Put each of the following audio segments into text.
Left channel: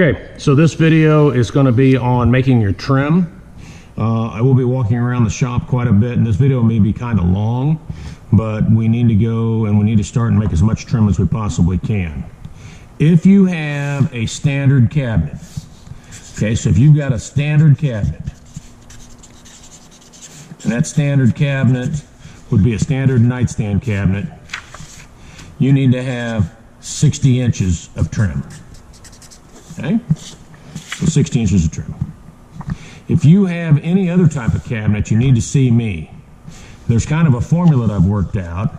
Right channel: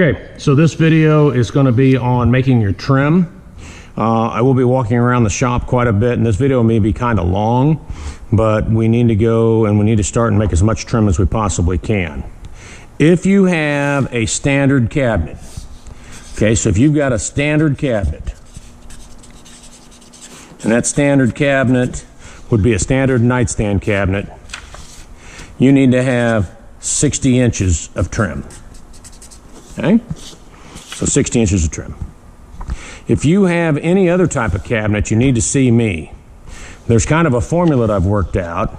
Okay, so this video is going to be on making your trim. I will be walking around the shop quite a bit, and this video may be kind of long, but we need to go and we need to start and make as much trim as we possibly can. If you have a standard cabinet, okay, so if you've got a standard cabinet, and that standard cabinet would be a standard nightstand cabinet, you need to have 60 inches of trim. Okay? So 60 inches of trim. If you have any other type of cabinet, you need to see me. There's kind of a formula that I've worked out,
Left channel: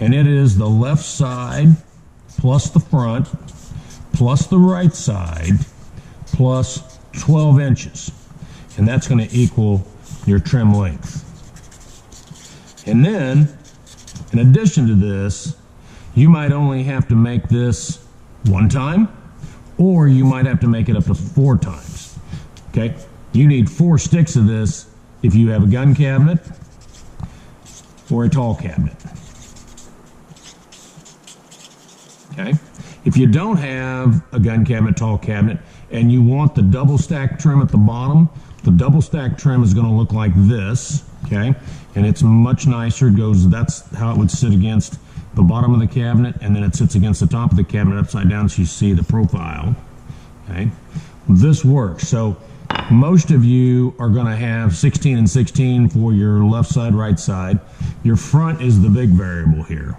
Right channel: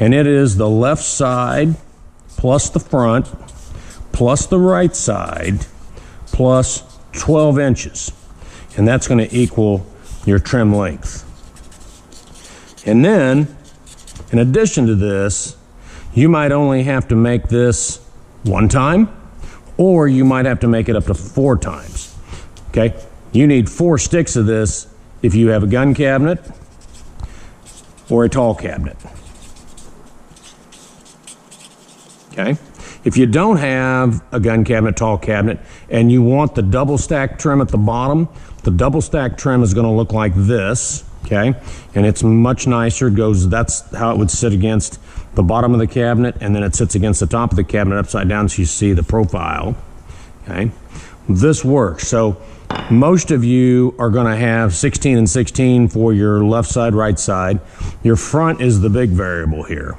and it is the left side plus the front plus the right side plus 12 inches. And that's going to equal your trim length. And then, in addition to this, you might only have to make this one time, or you might have to make it up to 4 times. Okay? You need 4 sticks of this if you have a gun cabinet or a tall cabinet. Okay? If you don't have a gun cabinet, tall cabinet, and you want the double stack trim at the bottom, the double stack trim is going to look like this. Okay? And it's much nicer. It goes, that's how it would sit against the bottom of the cabinet, and then it sits against the top of the cabinet upside down so you see the profile. Okay? This works. So most of you are going to have 16 and 16 for your left side, right side. Your front is the big variable here.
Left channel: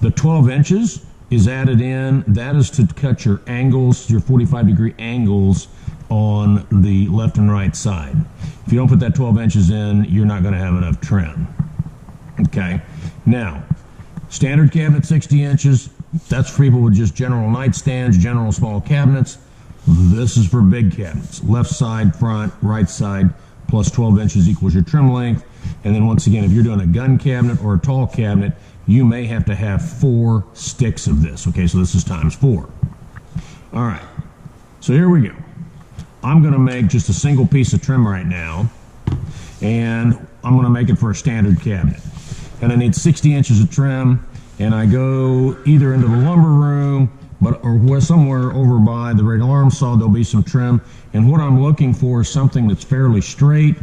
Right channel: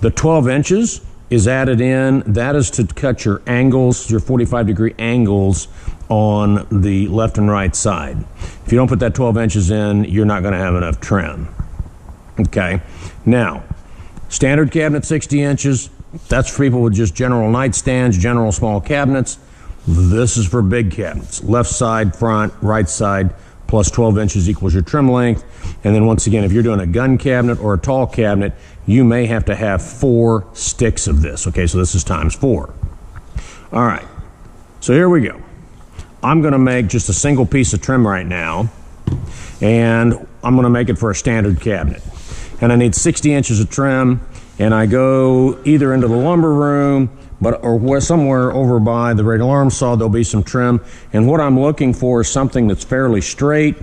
The 12 inches is added in. That is to cut your angles, your 45-degree angles on the left and right side. If you don't put that 12 inches in, you're not going to have enough trim. Okay? Now, standard cabinet 60 inches, that's for people with just general nightstands, general small cabinets. This is for big cabinets. Left side, front, right side, plus 12 inches equals your trim length. And then once again, if you're doing a gun cabinet or a tall cabinet, you may have to have 4 sticks of this. Okay, so this is times 4. All right, so here we go. I'm going to make just a single piece of trim right now, and I'm going to make it for a standard cabinet. And I need 60 inches of trim, and I go either into the lumber room, or somewhere over by the radial arm saw, there'll be some trim. And what I'm looking for is something that's fairly straight,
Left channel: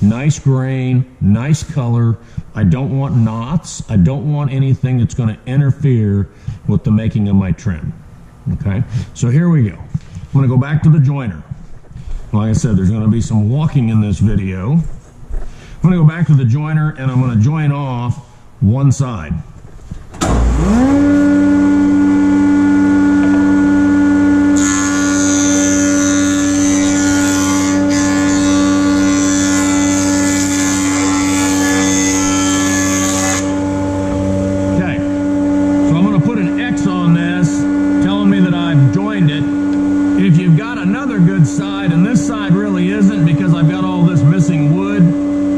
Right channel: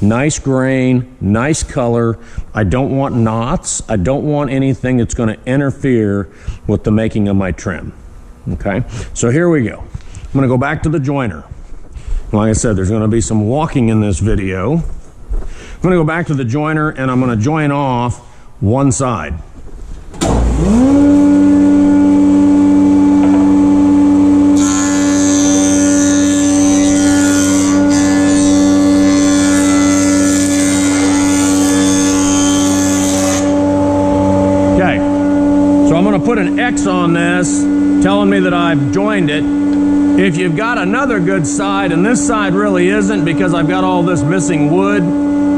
nice grain, nice color. I don't want knots. I don't want anything that's going to interfere with the making of my trim. Okay, so here we go. I'm going to go back to the joiner. Like I said, there's going to be some walking in this video. I'm going to go back to the joiner, and I'm going to join off one side. Okay, so I'm going to put an X on this, telling me that I've joined it. If you've got another good side, and this side really isn't because I've got all this missing wood,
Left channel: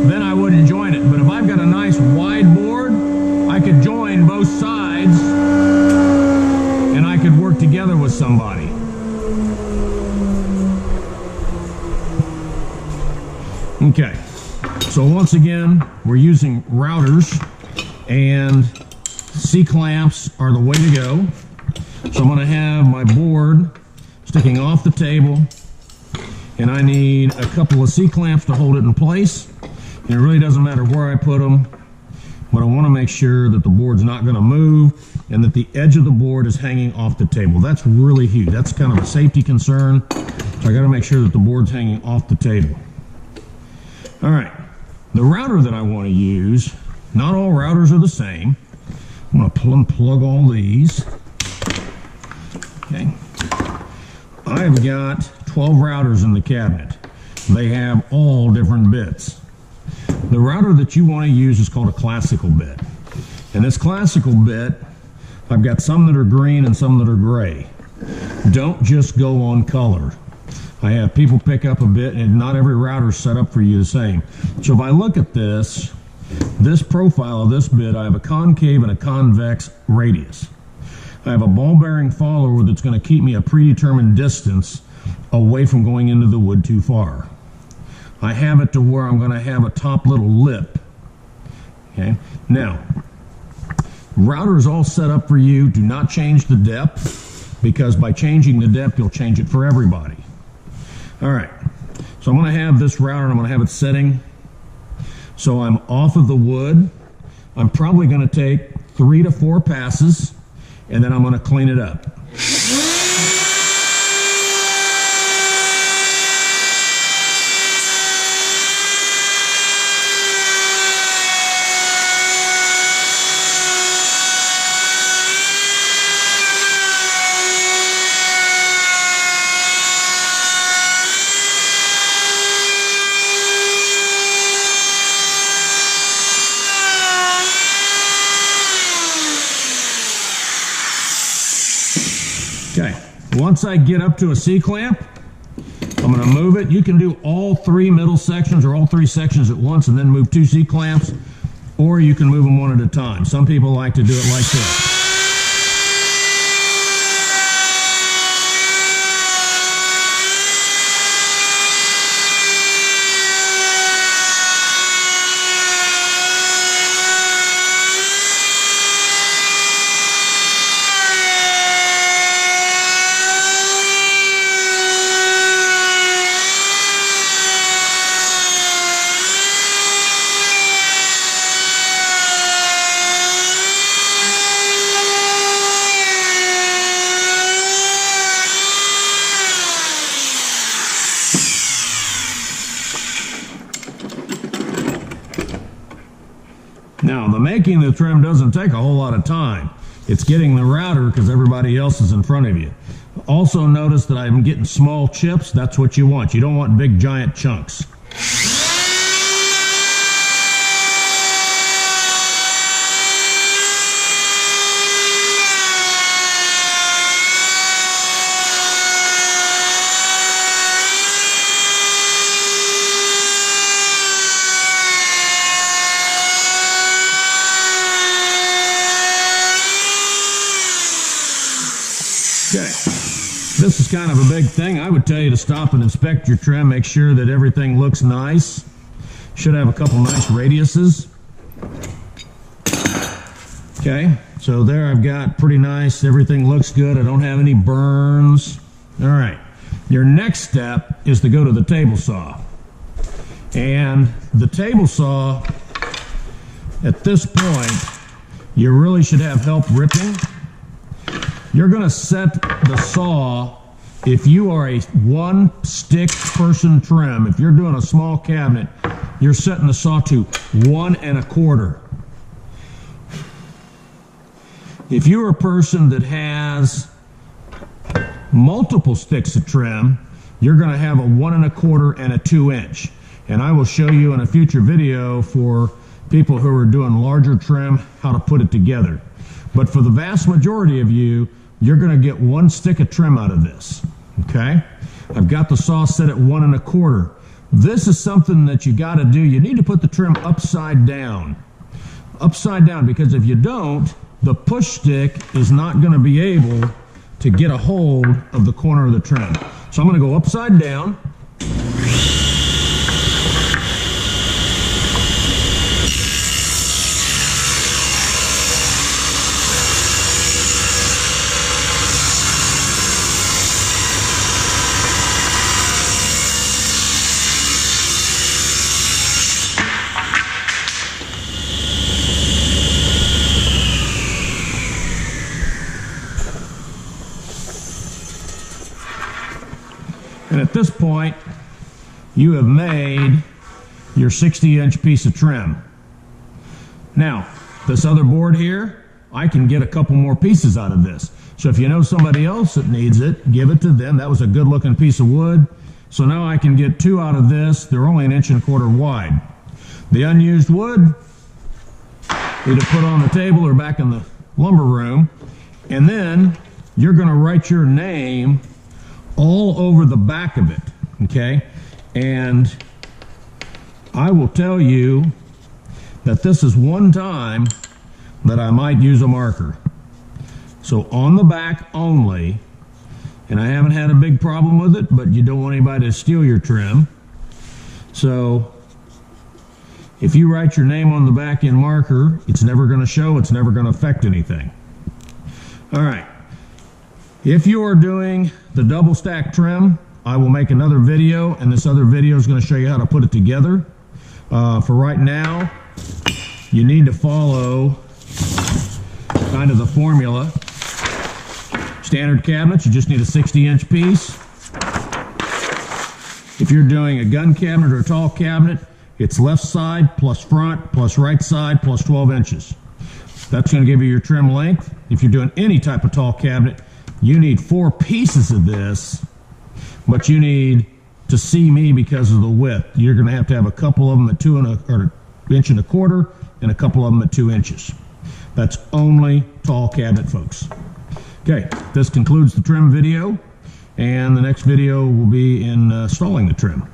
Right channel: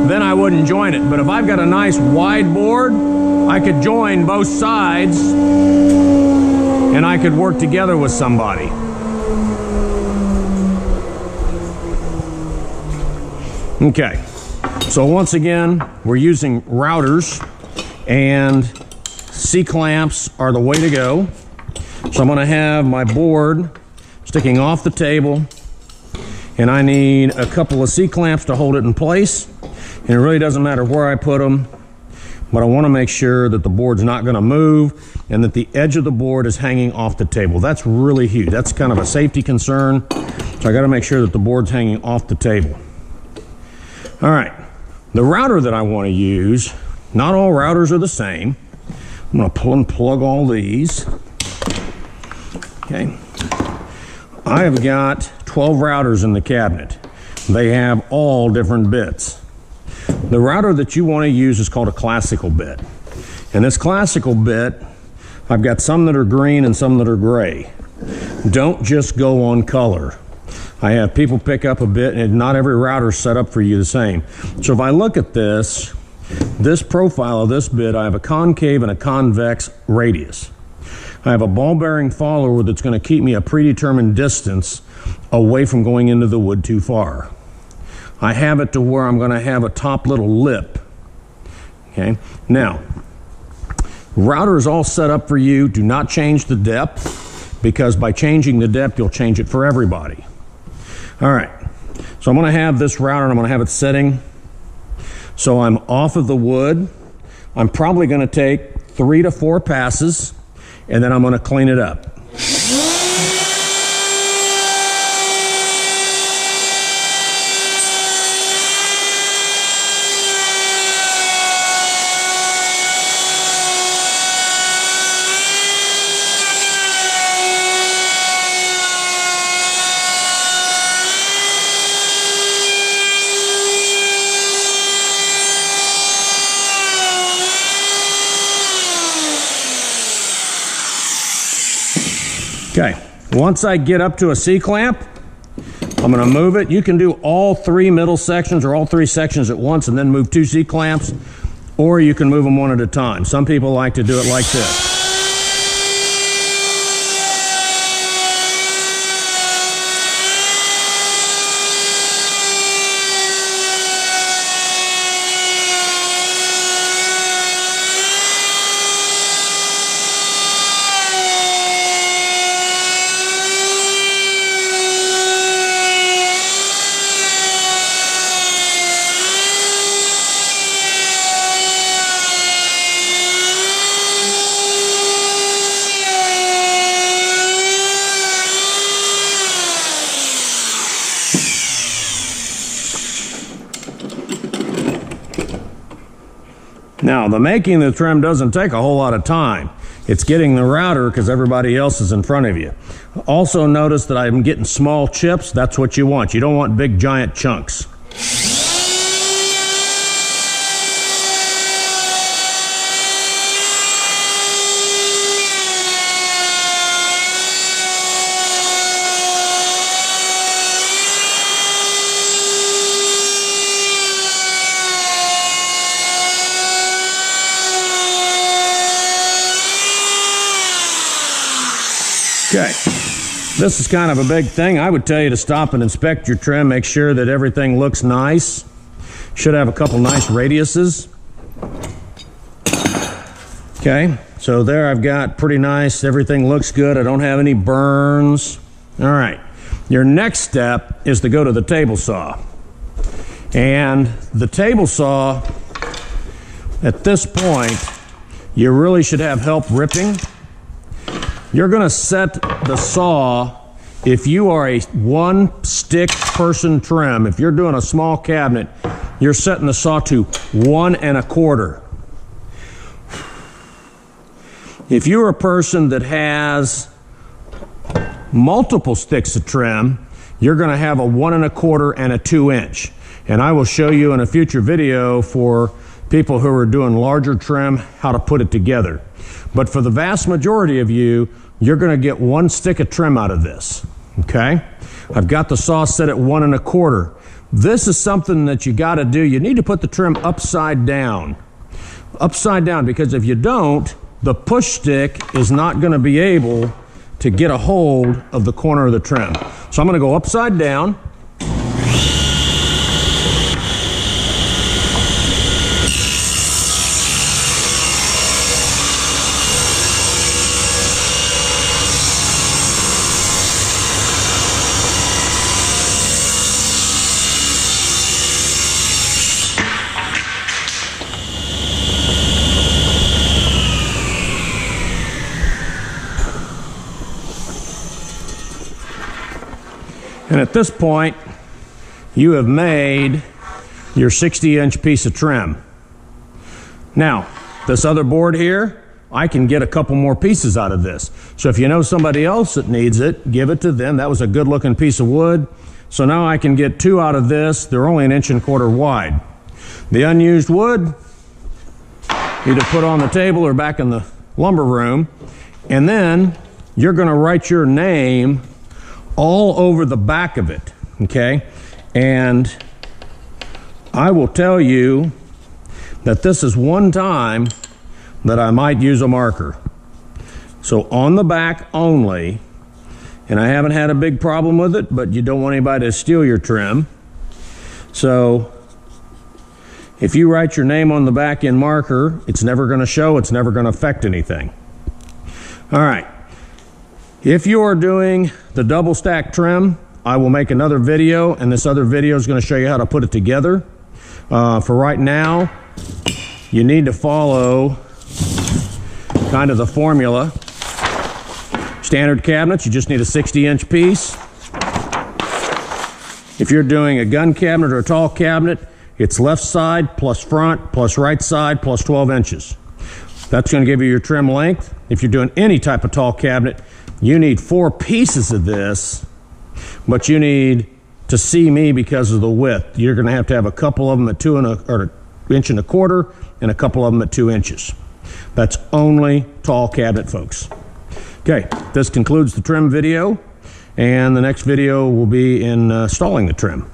then I wouldn't join it. But if I've got a nice wide board, I could join both sides and I could work together with somebody. Okay, so once again, we're using routers, and C-clamps are the way to go. So I'm going to have my board sticking off the table, and I need a couple of C-clamps to hold it in place. And it really doesn't matter where I put them, but I want to make sure that the board's not going to move and that the edge of the board is hanging off the table. That's really huge. That's kind of a safety concern. So I got to make sure that the board's hanging off the table. All right, the router that I want to use, not all routers are the same. I'm going to pull and plug all these. Okay. I have got 12 routers in the cabinet. They have all different bits. The router that you want to use is called a classical bit. And this classical bit, I've got some that are green and some that are gray. Don't just go on color. I have people pick up a bit, and not every router is set up for you the same. So if I look at this profile of this bit, I have a concave and a convex radius. I have a ball bearing follower that's going to keep me a predetermined distance away from going into the wood too far. I have it to where I'm going to have a top little lip. Okay, now router is all set up for you. Do not change the depth. because by changing the depth, you'll change it for everybody. All right, so I'm going to have this router, and I'm going to have it setting. So I'm off of the wood. I'm probably going to take 3 to 4 passes, and then I'm going to clean it up. Okay, once I get up to a C-clamp, I'm going to move it. You can do all 3 middle sections or all 3 sections at once and then move 2 C-clamps, or you can move them one at a time. Some people like to do it like this. Now, the making the trim doesn't take a whole lot of time. It's getting the router because everybody else is in front of you. Also notice that I'm getting small chips. That's what you want. You don't want big giant chunks. Okay, this is kind of a big thing. I would tell you to stop and inspect your trim, make sure that everything looks nice. Should have a couple nice radiuses. Okay, so there I've got pretty nice, everything looks good. I don't have any burns. All right, your next step is to go to the table saw. And the table saw, at this point, you really should have help ripping. You're going to set the saw, if you are a 1-stick person trim, if you're doing a small cabinet, you're setting the saw to 1 1/4. If you're a person that has multiple sticks of trim, you're going to have a 1 1/4 and a 2-inch. And I will show you in a future video for people who are doing larger trim how to put it together. But for the vast majority of you, you're going to get 1 stick of trim out of this, okay? I've got the saw set at 1 1/4. This is something that you got to do. You need to put the trim upside down. Upside down, because if you don't, the push stick is not going to be able to get a hold of the corner of the trim. So I'm going to go upside down. And at this point, you have made your 60-inch piece of trim. Now, this other board here, I can get a couple more pieces out of this. So if you know somebody else that needs it, give it to them. That was a good-looking piece of wood. So now I can get 2 out of this. They're only 1 1/4 wide. The unused wood, either put on the table or back in the lumber room. And then you're going to write your name all over the back of it, okay? And I will tell you that this is one time that I might use a marker. So on the back only, and I haven't had a big problem with it, but you don't want anybody to steal your trim. So if you write your name on the back in marker, it's never going to show, it's never going to affect anything. All right. If you are doing the double stack trim, I will make another video, and this other video is going to show you how to put it together. For right now, you need to follow kind of the formula. Standard cabinets, you just need a 60-inch piece. If you're doing a gun cabinet or a tall cabinet, it's left side plus front plus right side plus 12 inches. That's going to give you your trim length. If you're doing any type of tall cabinet, you need 4 pieces of this, but you need to see me because of the width. You're going to have a couple of them at 1.25 inches and a couple of them at 2 inches. That's only tall cabinet, folks. Okay, this concludes the trim video, and the next video will be in installing the trim.